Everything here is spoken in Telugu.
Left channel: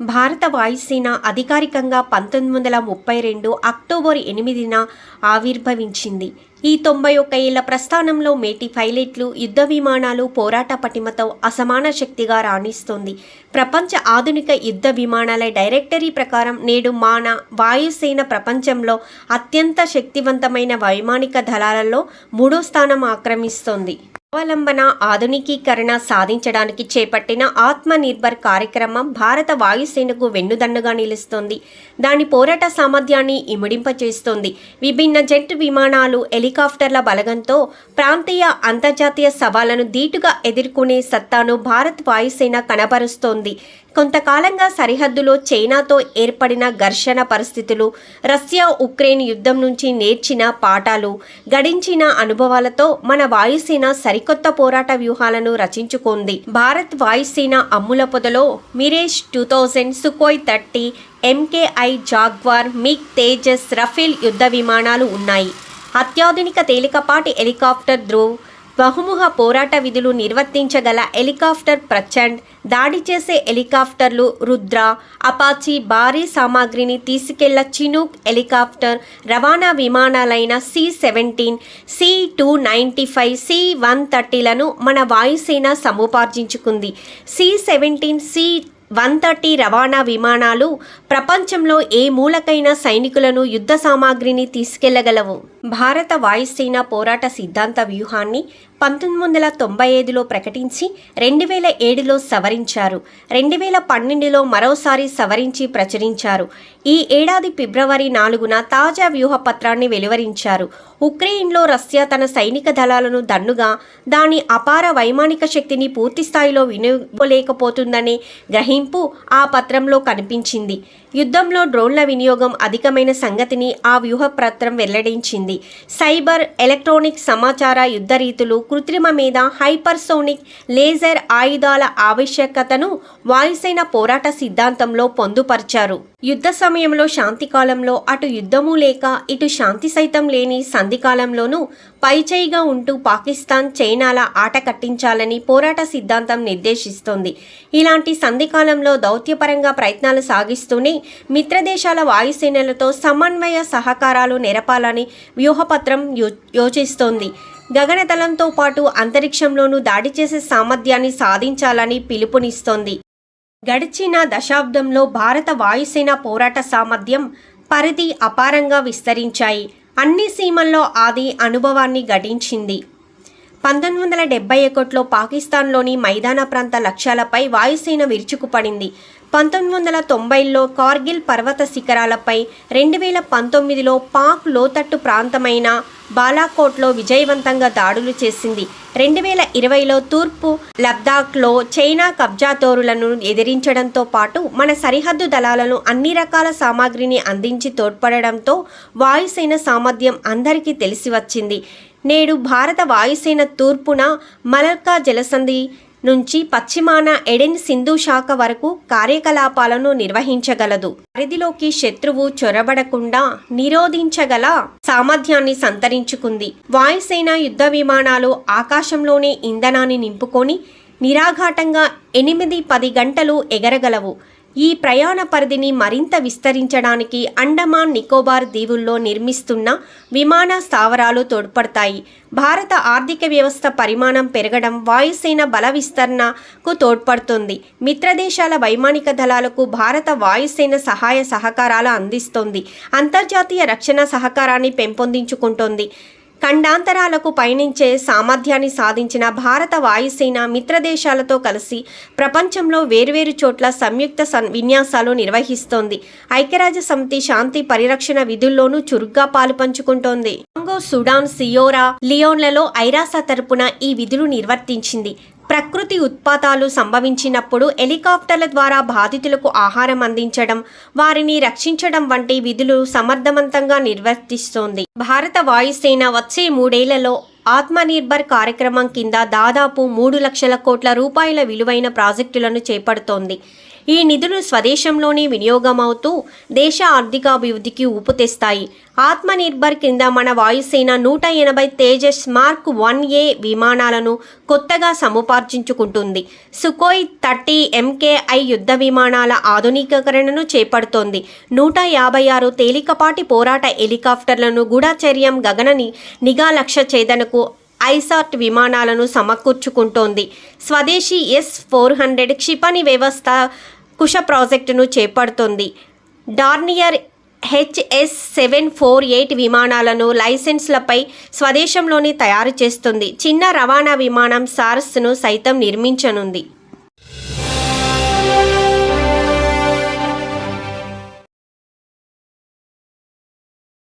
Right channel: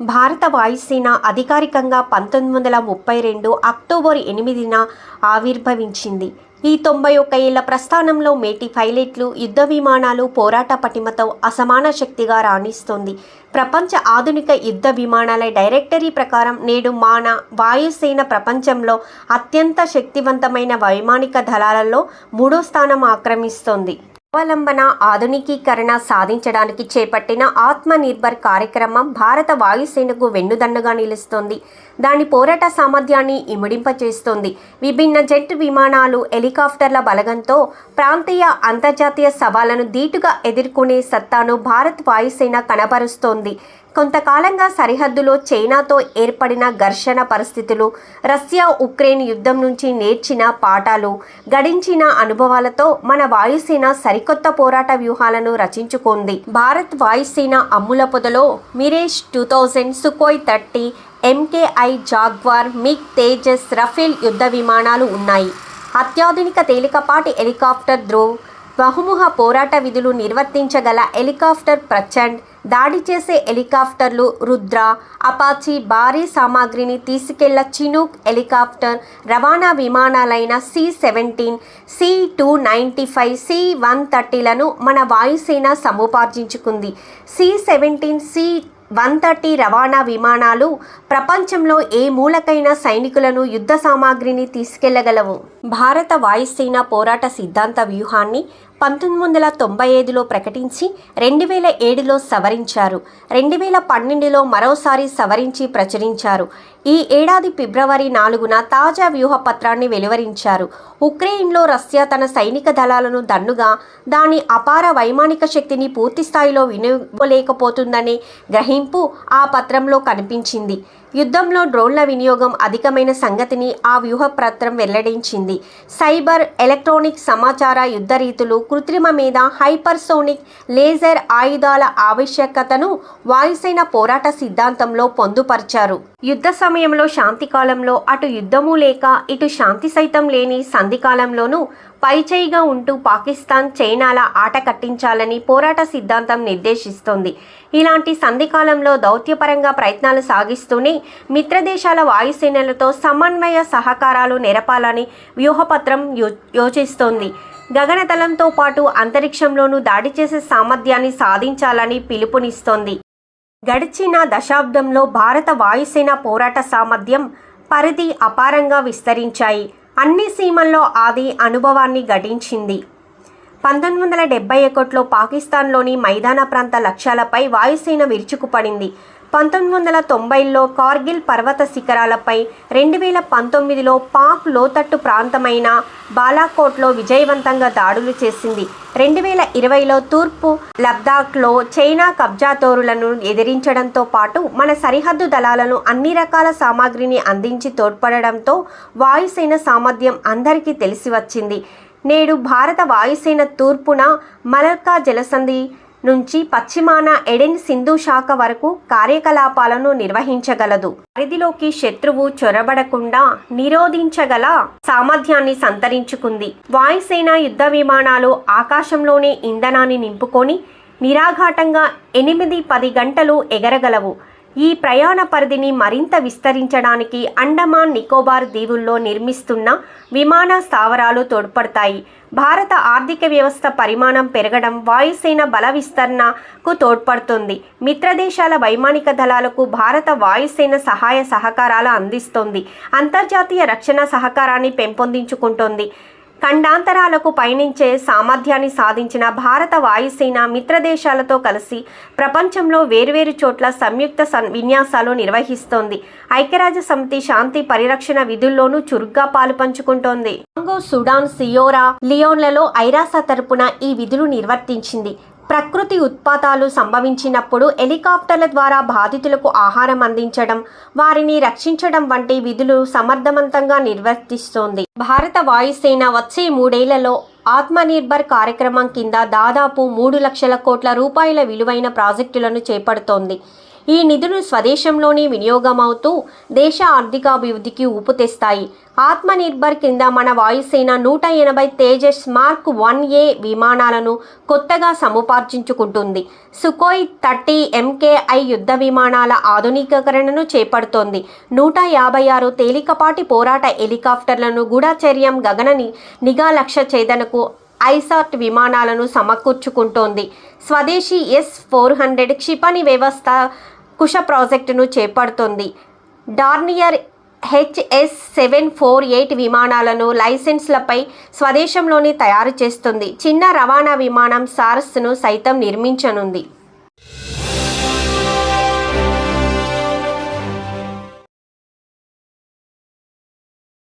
భారత వాయుసేన అధికారికంగా 1932 అక్టోబర్ 8న ఆవిర్భవించింది. ఈ 91 ఏళ్ల ప్రస్థానంలో మేటి పైలట్లు, యుద్ధ విమానాలు పోరాట పటిమతో అసమాన శక్తిగా రాణిస్తోంది. ప్రపంచ ఆధునిక యుద్ధ విమానాల డైరెక్టరీ ప్రకారం నేడు మన వాయుసేన ప్రపంచంలో అత్యంత శక్తివంతమైన వైమానిక దళాలలో 3వ స్థానం ఆక్రమిస్తోంది. స్వావలంబన, ఆధునికీకరణ సాధించడానికి చేపట్టిన ఆత్మనిర్భర్ కార్యక్రమం భారత వాయుసేనకు వెన్నుదన్నుగా నిలుస్తోంది. దాని పోరాట సామర్థ్యాన్ని ఇమిడింపచేస్తోంది. విభిన్న జెట్ విమానాలు, హెలికాప్టర్ల బలగంతో ప్రాంతీయ, అంతర్జాతీయ సవాళ్లను ధీటుగా ఎదుర్కొనే సత్తాను భారత్ వాయుసేన కనబరుస్తోంది. కొంతకాలంగా సరిహద్దులో చైనాతో ఏర్పడిన ఘర్షణ పరిస్థితులు, రష్యా ఉక్రెయిన్ యుద్ధం నుంచి నేర్చిన పాఠాలు, గడించిన అనుభవాలతో మన వాయుసేన సరికొత్త పోరాట వ్యూహాలను రచించుకుంది. భారత్ వాయుసేన అమ్ముల పొదలో Mirage 2000, Sukhoi 30, MKI Jaguar, MiG, Tejas, Rafale యుద్ధ విమానాలు ఉన్నాయి. అత్యాధునిక తేలికపాటి హెలికాప్టర్ ధ్రువ్, బహుముఖ పోరాట విధులు నిర్వర్తించగల హెలికాప్టర్ ప్రచండ్, దాడి చేసే హెలికాప్టర్లు రుద్ర, అపాచీ, భారీ సామాగ్రిని తీసుకెళ్ల చినూక్ హెలికాప్టర్, రవాణా విమానాలైన C-17, C-295, C-130లను మన వాయుసేన సముపార్జించుకుంది. C-17, C-130 రవాణా విమానాలు ప్రపంచంలో ఏ మూలకైనా సైనికులను, యుద్ధ సామాగ్రిని తీసుకెళ్లగలవు. భారత వాయుసేన పోరాట సిద్ధాంత వ్యూహాన్ని 1995లో ప్రకటించి 2007లో సవరించారు. 2012లో మరోసారి సవరించి ప్రచురించారు. ఈ ఏడాది ఫిబ్రవరి 4న తాజా వ్యూహ పత్రాన్ని వెలువరించారు. ఉక్రెయిన్లో రష్యా తన సైనిక దళాలను దన్నుగా దాని అపార వైమానిక శక్తిని పూర్తిస్థాయిలో వినియోగలేకపోతుందనే గ్రహింపు ఆ పత్రంలో కనిపించింది. యుద్ధంలో డ్రోన్ల వినియోగం అధికమైన సంగతిని ఆ వ్యూహపత్రం వెల్లడించింది. సైబర్, ఎలక్ట్రానిక్ సమాచార యుద్ధ రీతులు, కృత్రిమ మీద, హైపర్సోనిక్, లేజర్ ఆయుధాల ఆవశ్యకతను వాయుసేన పోరాట సిద్ధాంతంలో పొందుపరిచారు. యుద్ధ సమయంలో, శాంతి కాలంలో అటు యుద్ధము లేక ఇటు శాంతి సైతం లేని సంధికాలంలోనూ పైచేయిగా ఉంటూ పాకిస్తాన్, చైనాల ఆట కట్టించాలని పోరాట సిద్ధాంతం నిర్దేశిస్తోంది. ఇలాంటి సంధికాలంలో దౌత్యపరంగా ప్రయత్నాలు సాగిస్తూనే మిత్రదేశాల వాయుసేనలతో సమన్వయ సహకారాలు నెరపాలని వ్యూహపత్రం యోచిస్తోంది. గగనతలంతో పాటు అంతరిక్షంలోనూ దాడి చేసే సామర్థ్యాన్ని సాధించాలని పిలుపునిస్తోంది. గడిచిన దశాబ్దంలో భారత వాయుసేన పోరాట సామర్థ్యం, పరిధి అపారంగా విస్తరించాయి. అన్ని సీమల్లో ఆది అనుభవాన్ని గడించింది. 1971లో పాకిస్తాన్లోని మైదాన ప్రాంత లక్ష్యాలపై వాయుసేన విరుచుకుపడింది. 1990లో కార్గిల్ పర్వత శిఖరాలపై, 2019లో పాక్ లోతట్టు ప్రాంతమైన బాలాకోట్లో విజయవంతంగా దాడులు చేసింది. 2020లో తూర్పు లద్దాఖ్లో చైనా కబ్జాదారులను ఎదిరించడంతో పాటు మన సరిహద్దు దళాలను అన్ని రకాల సామాగ్రిని అందించి తోడ్పడడంతో వాయుసేన సామర్థ్యం అందరికీ తెలిసి వచ్చింది. నేడు భారత వాయుసేన తూర్పున మలక్కా జలసంధి నుంచి పశ్చిమాన ఎడెన్ సింధు శాఖ వరకు కార్యకలాపాలను నిర్వహించగలదు. పరిధిలోకి శత్రువు చొరబడకుండా నిరోధించగల సామర్థ్యాన్ని సంతరించుకుంది. వాయుసేన యుద్ధ విమానాలు ఆకాశంలోనే ఇంధనాన్ని నింపుకొని నిరాఘాటంగా 8-10 గంటలు ఎగరగలవు. ఈ ప్రయాణ పరిధిని మరింత విస్తరించడానికి అండమాన్ నికోబార్ దీవుల్లో నిర్మిస్తున్న విమాన స్థావరాలు తోడ్పడతాయి. భారత ఆర్థిక వ్యవస్థ పరిమాణం పెరగడం వాయుసేన బల విస్తరణకు తోడ్పడుతుంది. మిత్రదేశాల వైమానిక దళాలకు భారత వాయుసేన సహాయ సహకారాలు అందిస్తోంది. అంతర్జాతీయ రక్షణ సహకారాన్ని పెంపొందించుకుంటోంది. ఖండాంతరాలకు పయనించే సామర్థ్యాన్ని సాధించిన భారత వాయుసేన మిత్రదేశాలతో కలిసి ప్రపంచంలో వేర్వేరు చోట్ల సంయుక్త విన్యాసాలు నిర్వహిస్తోంది. ఐక్యరాజ్య సమితి శాంతి పరిరక్షణ విధుల్లోనూ చురుగ్గా పాలుపంచుకుంటోంది. కాంగో, సుడాన్, సియోరా లియోన్లలో ఐరాస తరపున ఈ విధులు నిర్వర్తించింది. ప్రకృతి ఉత్పాతాలు సంభవించినప్పుడు హెలికాప్టర్ల ద్వారా బాధితులకు ఆహారం అందించడం, వారిని రక్షించడం వంటి విధులు సమర్థవంతంగా నిర్వర్తిస్తోంది. భారత వాయుసేన వచ్చే 3 ఏళ్లలో ఆత్మనిర్భర్ కార్యక్రమం కింద దాదాపు 3 లక్షల కోట్ల రూపాయల విలువైన ప్రాజెక్టులను చేపడుతోంది. ఈ నిధులు స్వదేశంలోనే వినియోగమవుతూ దేశ ఆర్థికాభివృద్ధికి ఊపు తెస్తాయి. ఆత్మనిర్భర్ కింద మన వాయుసేన 180 తేజస్ మార్క్ 1A విమానాలను కొత్తగా సముపార్జించుకుంటుంది. సుఖోయ్ 30 MKI యుద్ధ విమానాల ఆధునికీకరణను చేపడుతోంది. 156 తేలికపాటి పోరాట హెలికాప్టర్లను, గూఢచర్యం, గగన నిఘా లక్ష్య ఛేదనకు ఐసాట్ విమానాలను సమకూర్చుకుంటోంది. స్వదేశీ S-400 క్షిపణి వ్యవస్థ కుశ ప్రాజెక్టును చేపడుతోంది. డార్నియర్ HS-748 విమానాలను లైసెన్స్లపై స్వదేశంలోనే తయారు చేస్తుంది. చిన్న రవాణా విమానం సార్స్ను సైతం నిర్మించనుంది.